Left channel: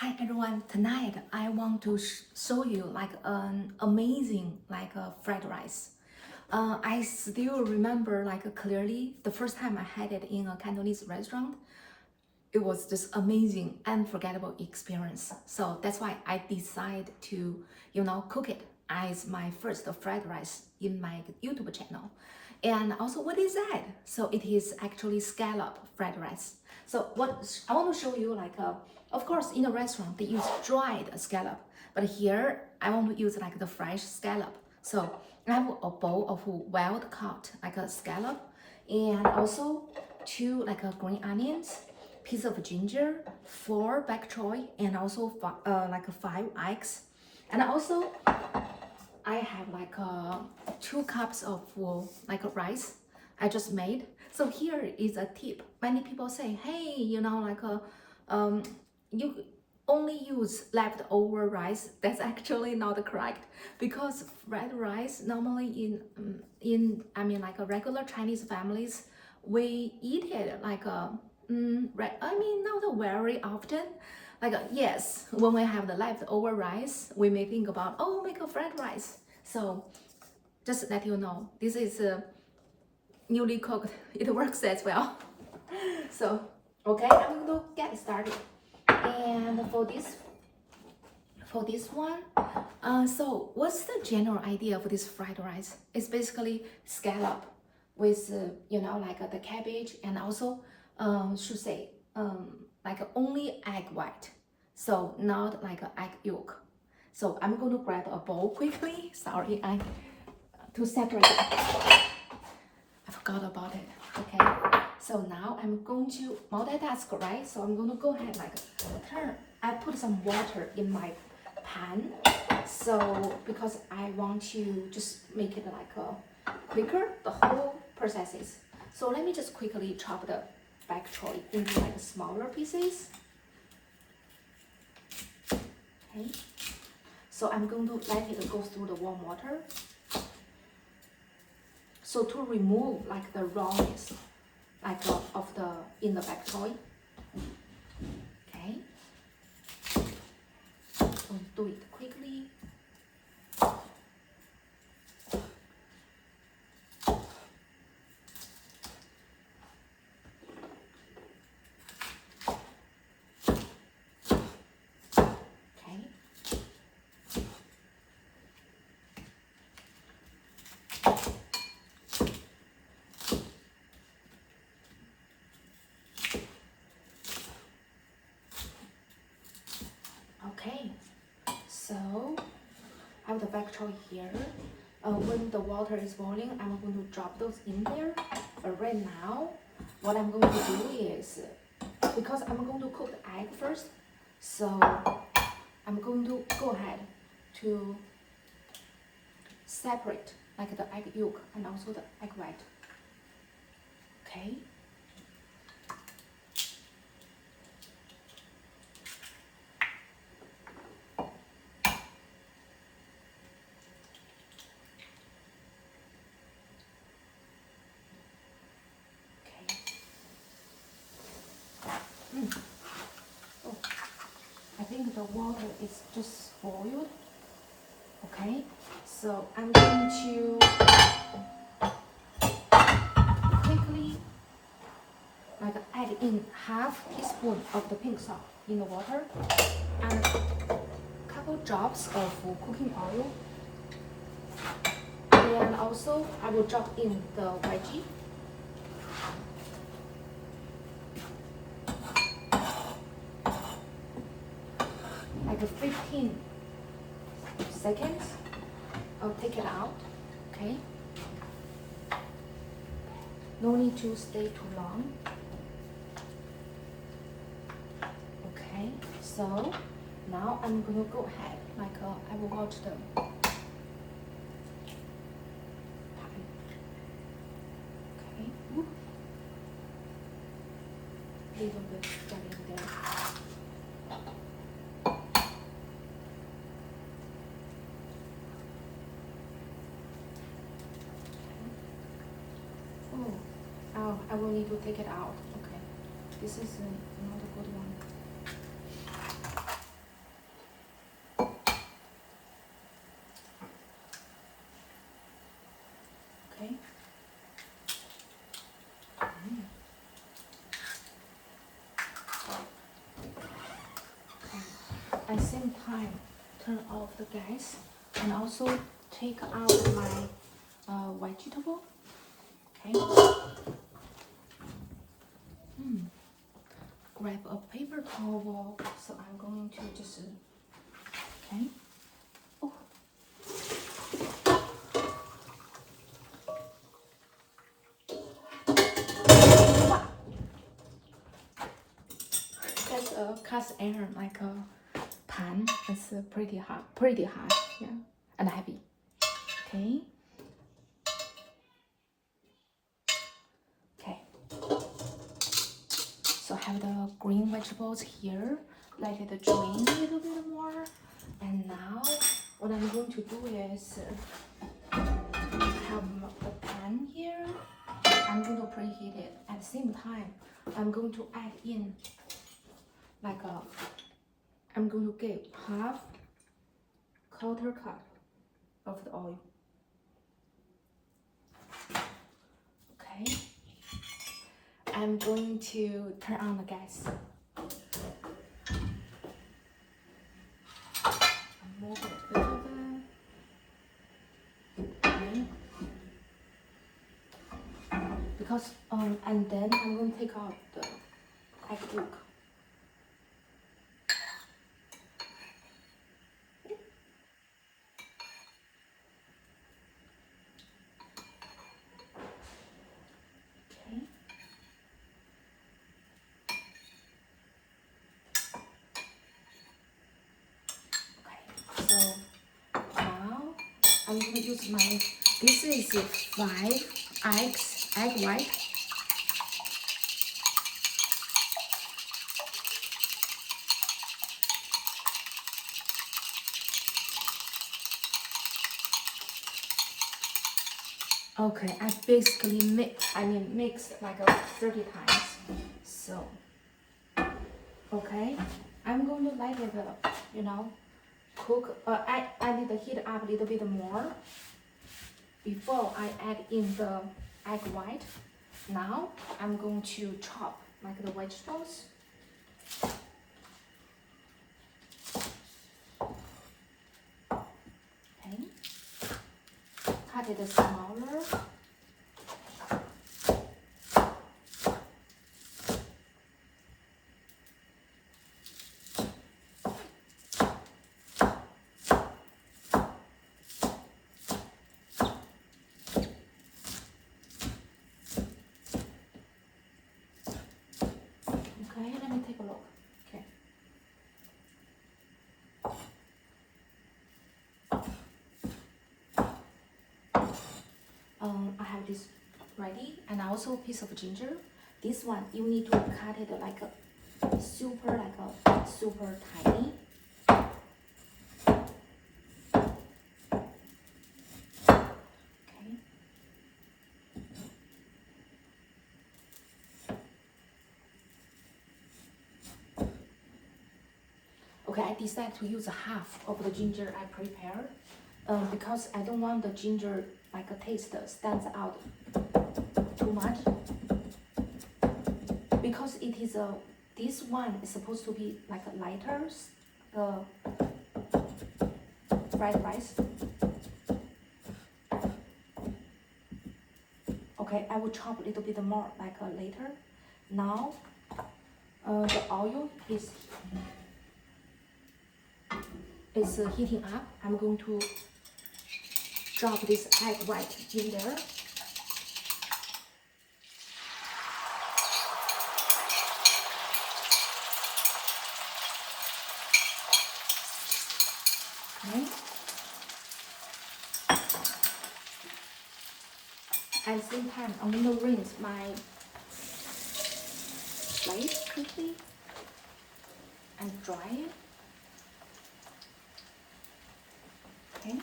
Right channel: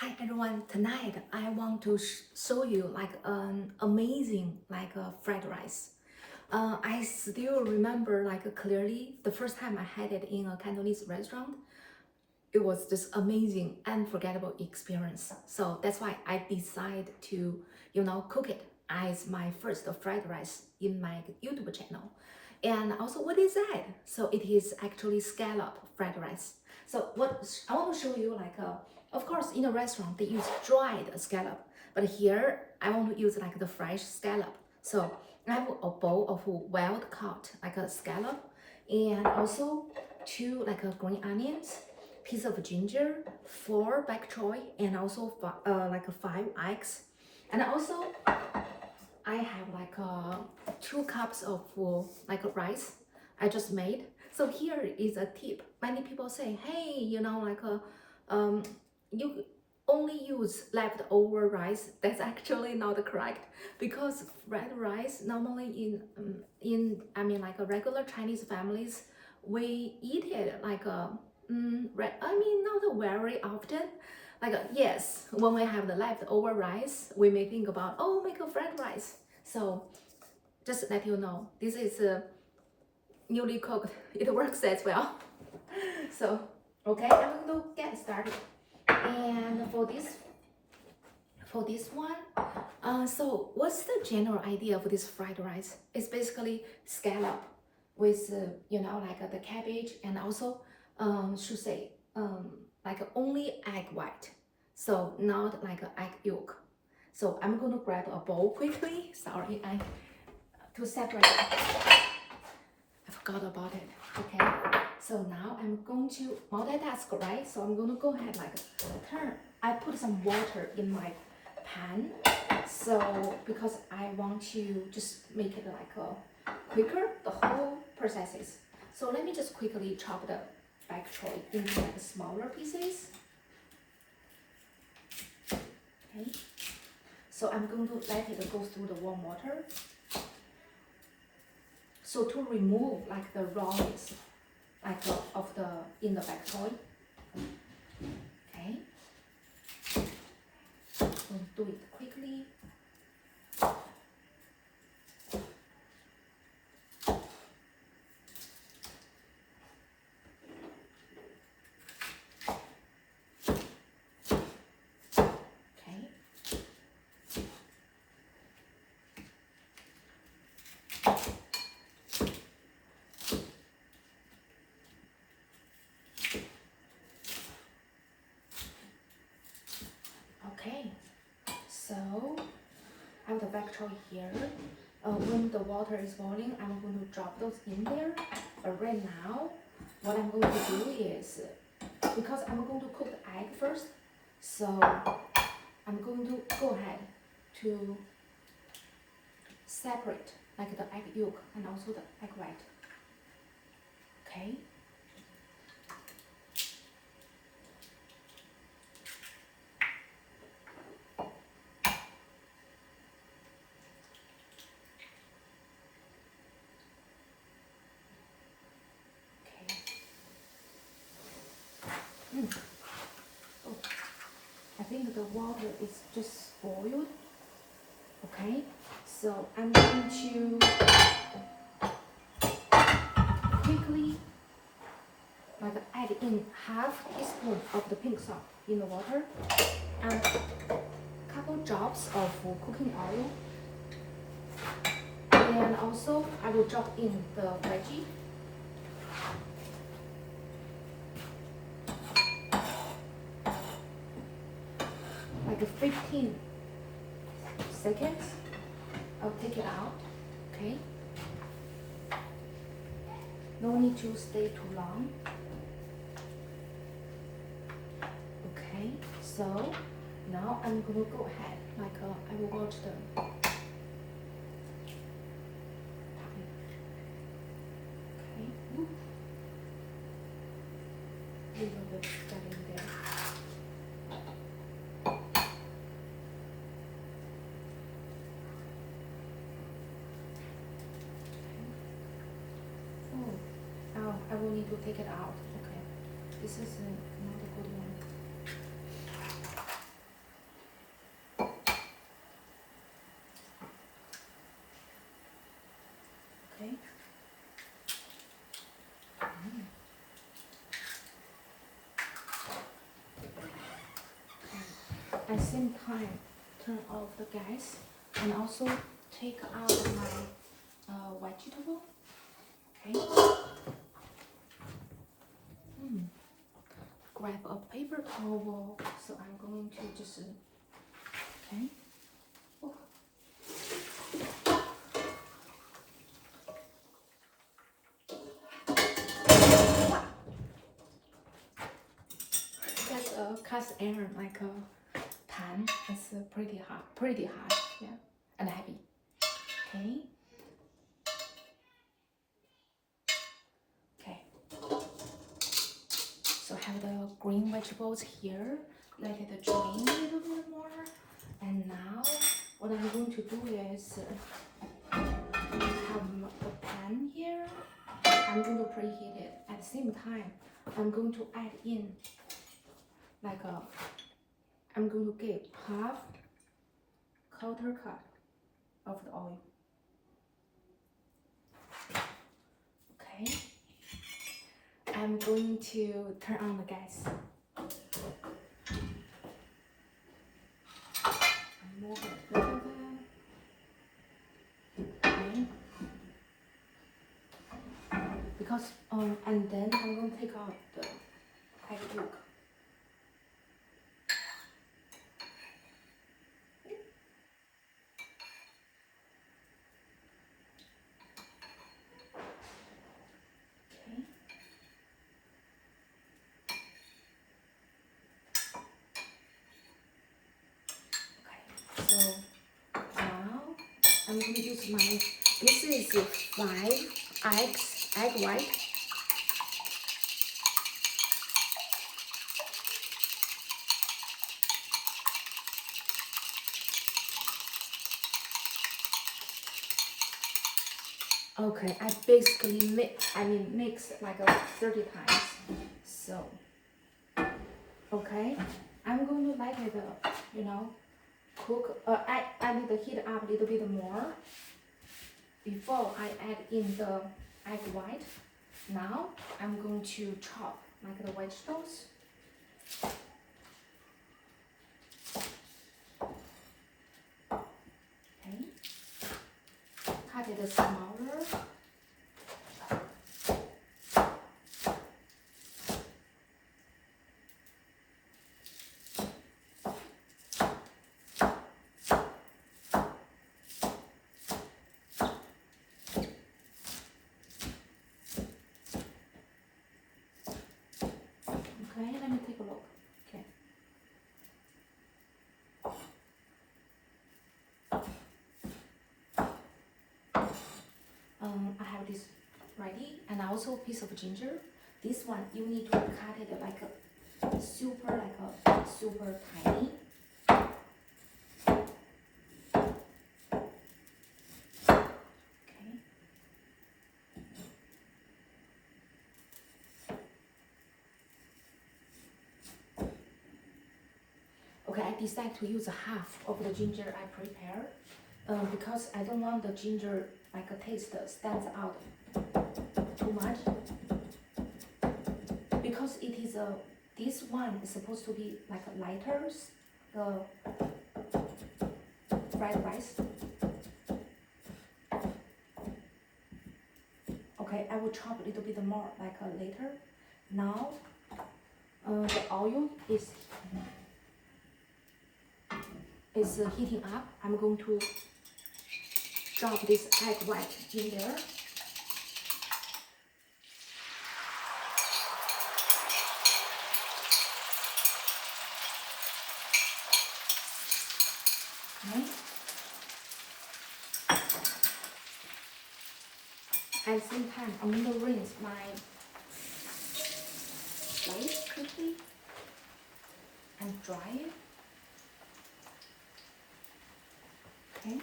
Hi everyone, tonight I want to show you like an amazing fried rice. I still remember clearly the first time I had it in a Cantonese restaurant. It was just amazing, unforgettable experience. So that's why I decided to, cook it as my first fried rice in my YouTube channel. And also, what is that? So it is actually scallop fried rice. So what I want to show you, of course, in a restaurant they use dried scallop, but here I want to use like the fresh scallop. So I have a bowl of wild caught like a scallop, and also two green onions, piece of ginger, 4 bok choy, and also 5 eggs. And also I have 2 cups of rice I just made. So here is a tip. Many people say, hey, you only use leftover rice. That's actually not correct, because fried rice normally in a regular Chinese families, we eat it not very often. Yes, when we have the leftover rice, we may think about, oh, make a fried rice. So just let you know, this is newly cooked. It works as well. So okay, I'm going to get started. And for this one, so what's the general idea of this fried rice? It's basically scallop with the cabbage, and also should say only egg white, so not like an egg yolk. So I'm going to grab a bowl quickly. Sorry, I to separate it. I forgot about it. Okay, so now I'm going to multitask, right? So I'm going to go ahead turn. I put some water in my pan, so because I want to just make it quicker, the whole processes. So let me just quickly chop the bok choy into smaller pieces. Okay, so I'm going to let it go through the warm water. So to remove the rawness of the in the bok choy. Okay, so do it quickly. Okay. Okay, so I have the bok choy here. When the water is boiling, I'm going to drop those in there. But right now, what I'm going to do is, because I'm going to cook the egg first, so I'm going to go ahead to separate the egg yolk and also the egg white. Okay. Oh, I think the water is just boiled. Okay, so I'm going to quickly add in half teaspoon of the pink salt in the water and a couple drops of cooking oil, and also I will drop in the veggie. Like 15 seconds, I'll take it out. Okay, no need to stay too long. Okay, so now I'm gonna go ahead I will watch the time. Okay, leave a bit getting there. Oh, I will need to take it out. Okay, this is not a good one. at the same time turn off the gas and also take out my vegetable. Okay. Grab a paper towel. So I'm going to just okay. Oh. Wow. That's a cast iron like a pan. It's pretty hot, yeah, and heavy. Okay. Okay. So I have the green vegetables here. Let it drain a little bit more. And now what I'm going to do is have the pan here. I'm going to preheat it. At the same time, I'm going to add in like I'm going to give half quarter cup of the oil. Okay. I'm going to turn on the gas. Move it a little bit. Okay. Because and then I'm going to take out the egg yolk. Okay. So now I'm going to use this is 5 egg white. Okay, I basically mixed like 30 times. So, okay, I'm going to let it, cook. I need to heat up a little bit more before I add in the egg white. Now I'm going to chop like the vegetables. Okay, cut it smaller. Okay, let me take a look. Okay. I have this ready, and also a piece of ginger. This one you need to cut it like a super tiny. Okay. Okay, I decided to use half of the ginger I prepared because I don't want the ginger like a taste stands out too much. Because it is this one is supposed to be like a lighter fried rice. Okay, I will chop a little bit more like later. Now the oil is heating up. I'm going to drop this egg white in there. Okay. At the same time, I'm going to rinse my plate quickly and dry it. Okay.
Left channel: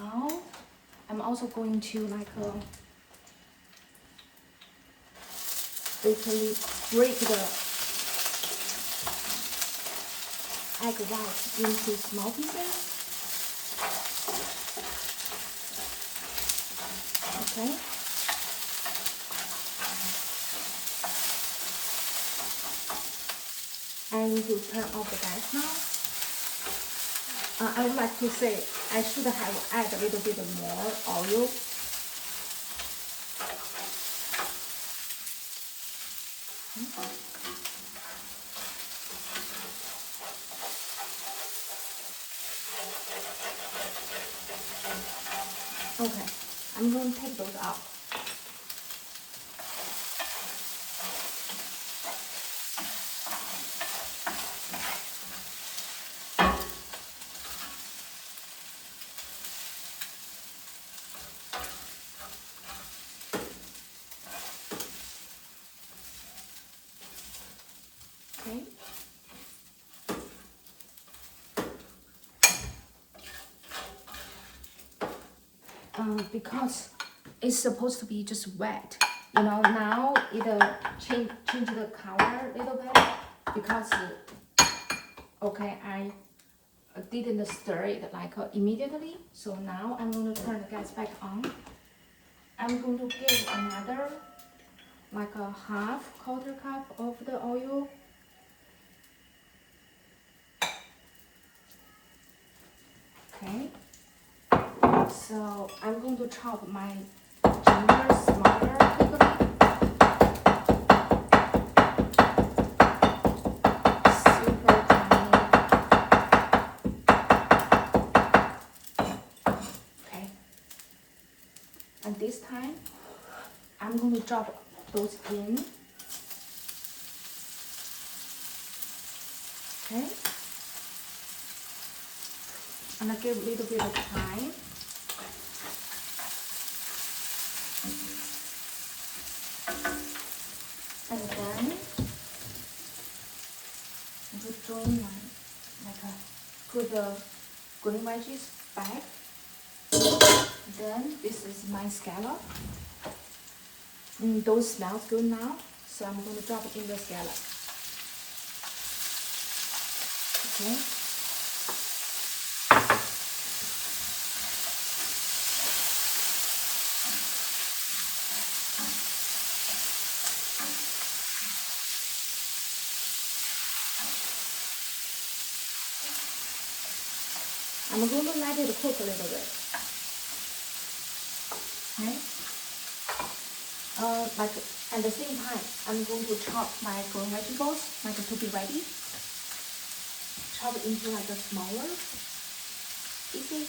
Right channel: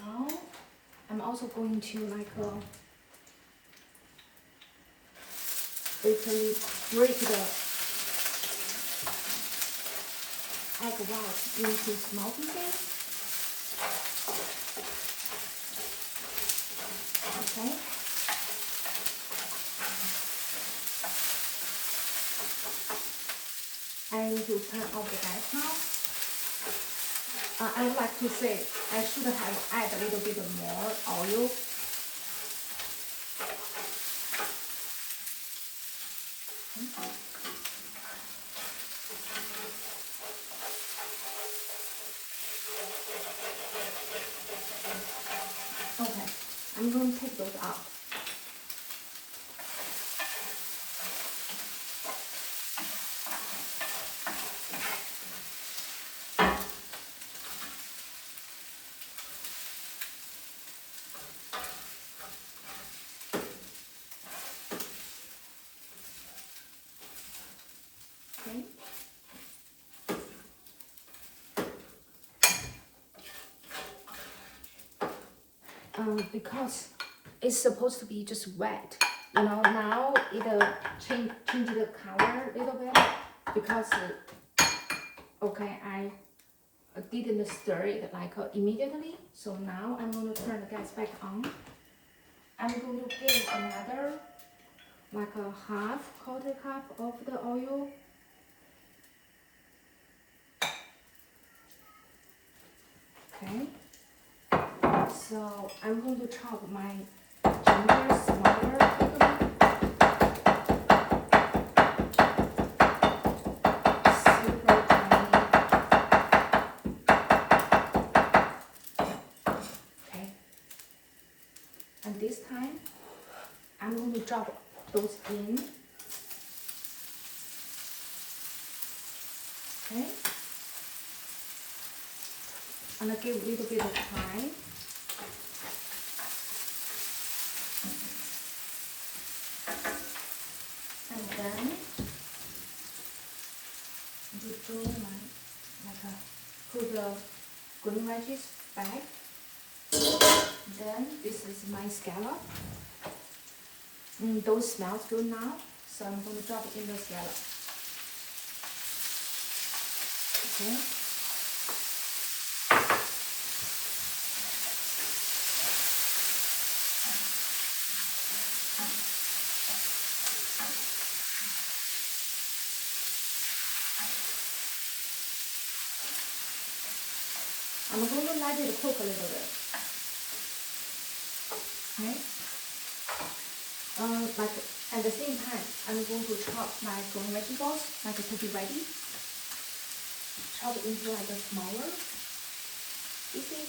Now I'm also going to like basically break the egg white into small pieces. Okay. I need to turn off the gas now. I would like to say I should have added a little bit more oil. Okay, I'm going to take those out. Okay. Because it's supposed to be just wet, you know. Now it'll change the color a little bit because okay, I didn't stir it like immediately. So now I'm going to turn the gas back on. I'm going to give another like a half quarter cup of the oil. Okay. So I'm going to chop my ginger smaller a little bit. Super tiny. Okay. And this time, I'm going to drop those in. Okay. And I give a little bit of time. And then I'm going to join put the green veggies back. Then this is my scallop. Those smells good now, so I'm going to drop it in the scallop. Okay. I'm going to let it cook a little bit. Okay. Like at the same time, I'm going to chop my green vegetables, like to be ready. Chop it into like a smaller pieces.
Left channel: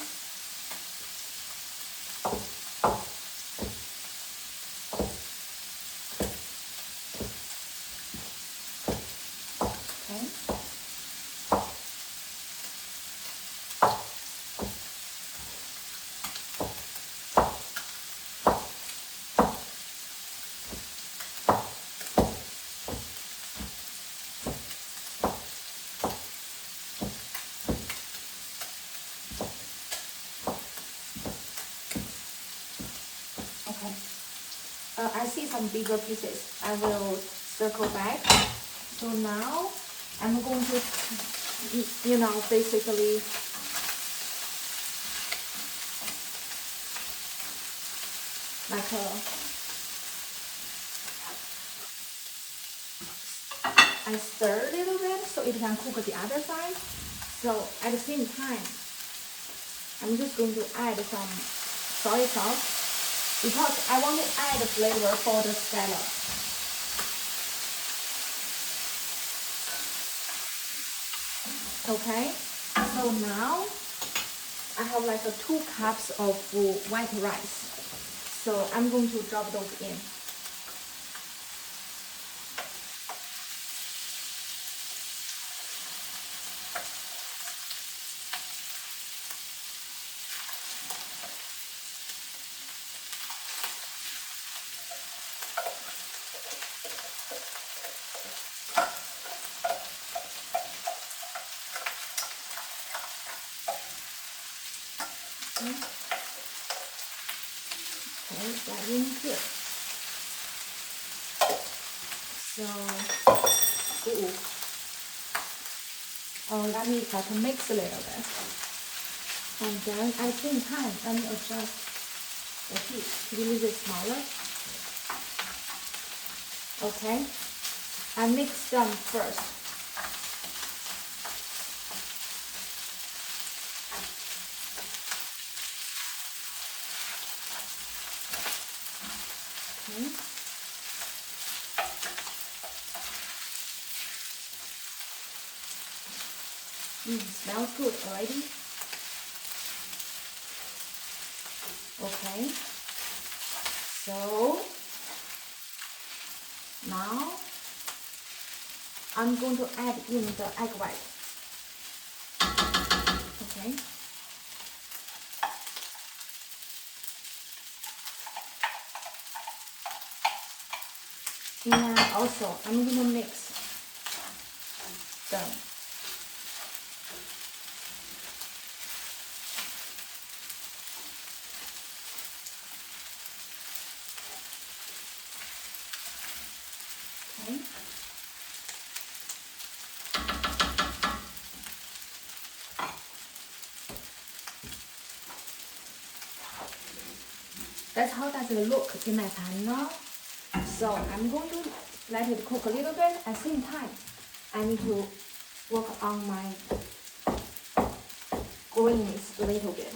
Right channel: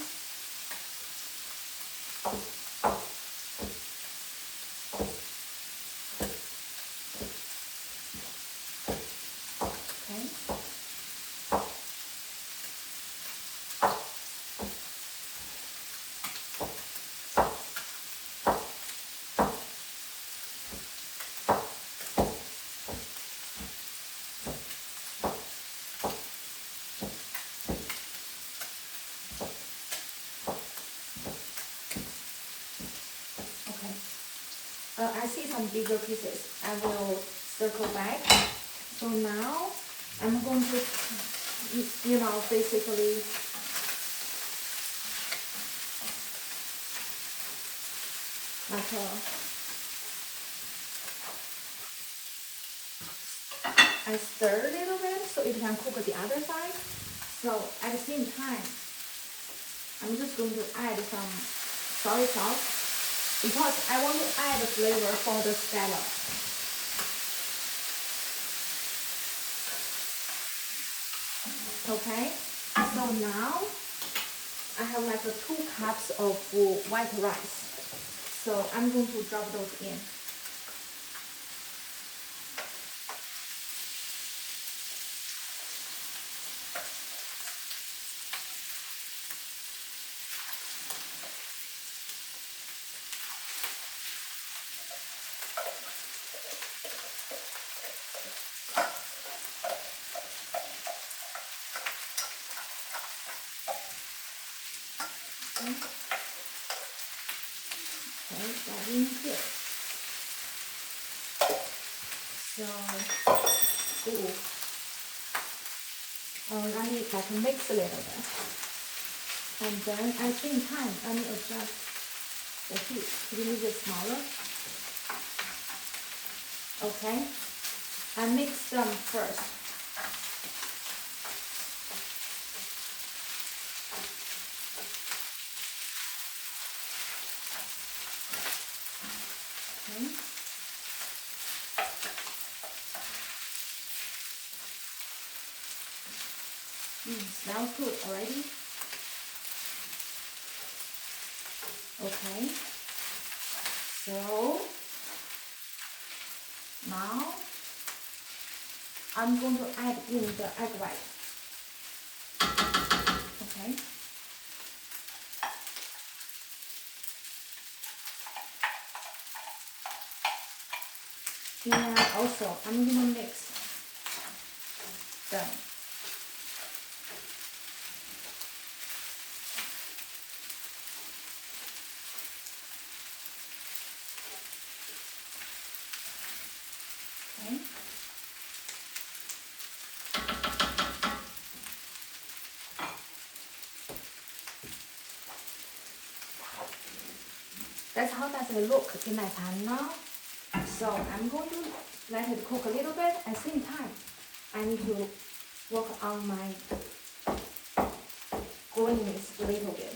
Okay. Okay. I see some bigger pieces. I will circle back. So now I'm going to, you know, basically like I stir a little bit so it can cook the other side. So at the same time, I'm just going to add some soy sauce because I want to add the flavor for the scallop. Okay, so now I have like 2 cups of white rice. So I'm going to drop those in. Okay, that in here. So let me like mix a little bit, and then at the same time let me adjust the heat to be a little bit smaller. Okay, I mix them first. Smells good already. Okay. So now I'm going to add in the egg white. Okay. And also I'm going to mix them. Okay. That's how does it look in my pan now. So I'm going to let it cook a little bit. At the same time, I need to work on my greens a little bit.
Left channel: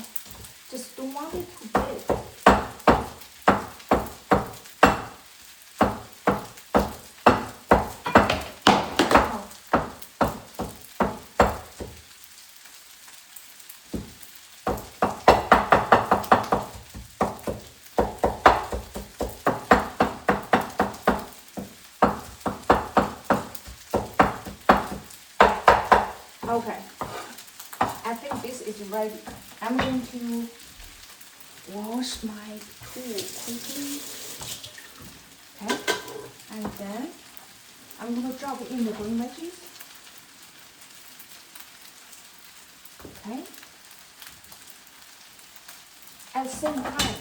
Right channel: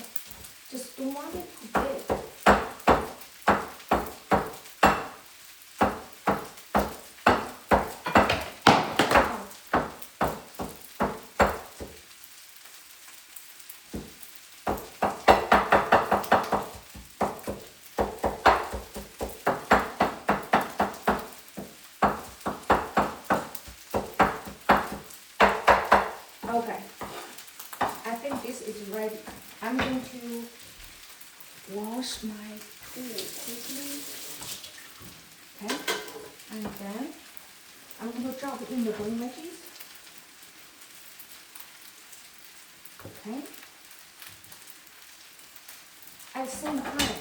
Just don't want it too big. Okay, I think this is ready. I'm going to wash my tool quickly. Okay, and then I'm going to drop in the green veggies. Okay. At the same time,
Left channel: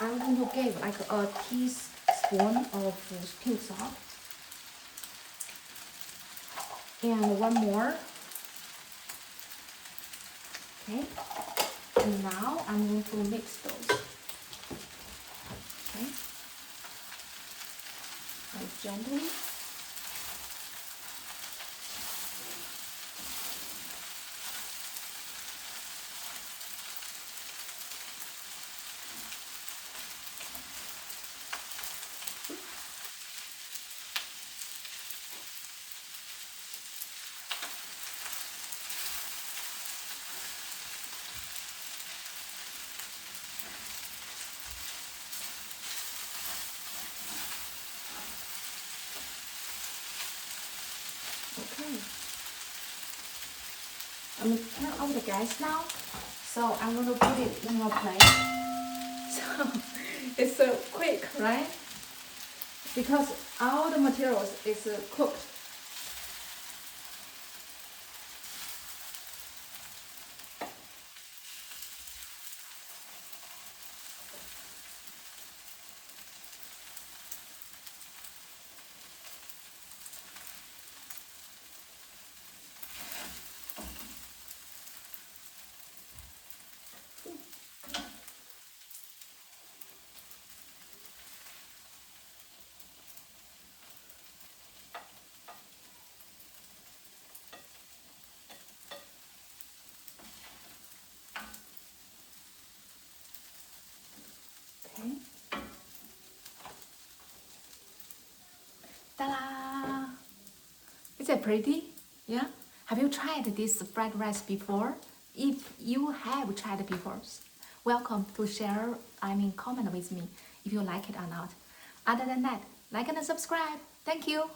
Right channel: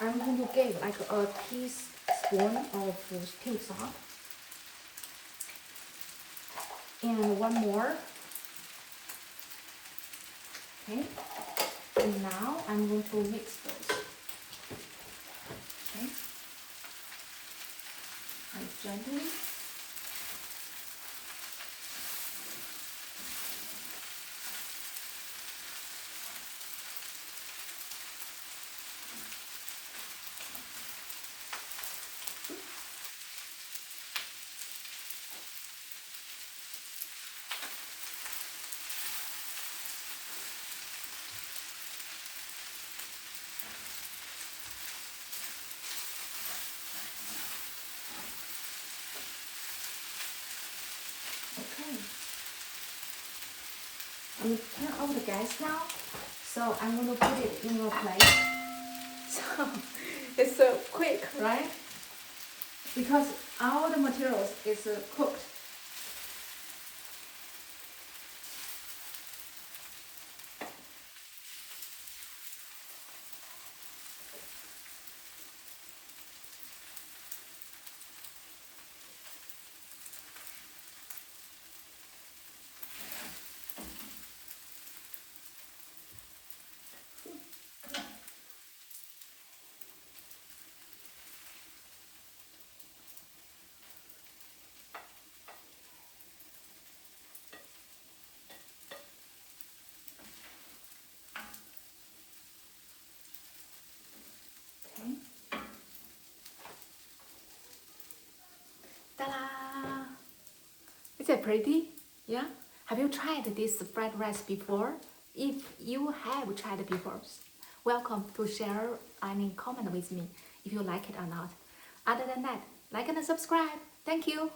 I'm going to give like a teaspoon of pink salt. And one more. Okay. And now I'm going to mix those. Okay. And gently. Okay. I'm going to turn off the gas now. So I'm going to put it in a plate. So it's so quick, right? Because all the materials is cooked. Okay. Ta-da! Is it pretty? Yeah? Have you tried this fried rice before? If you have tried it before, welcome to share, comment with me if you like it or not. Other than that, like and subscribe. Thank you.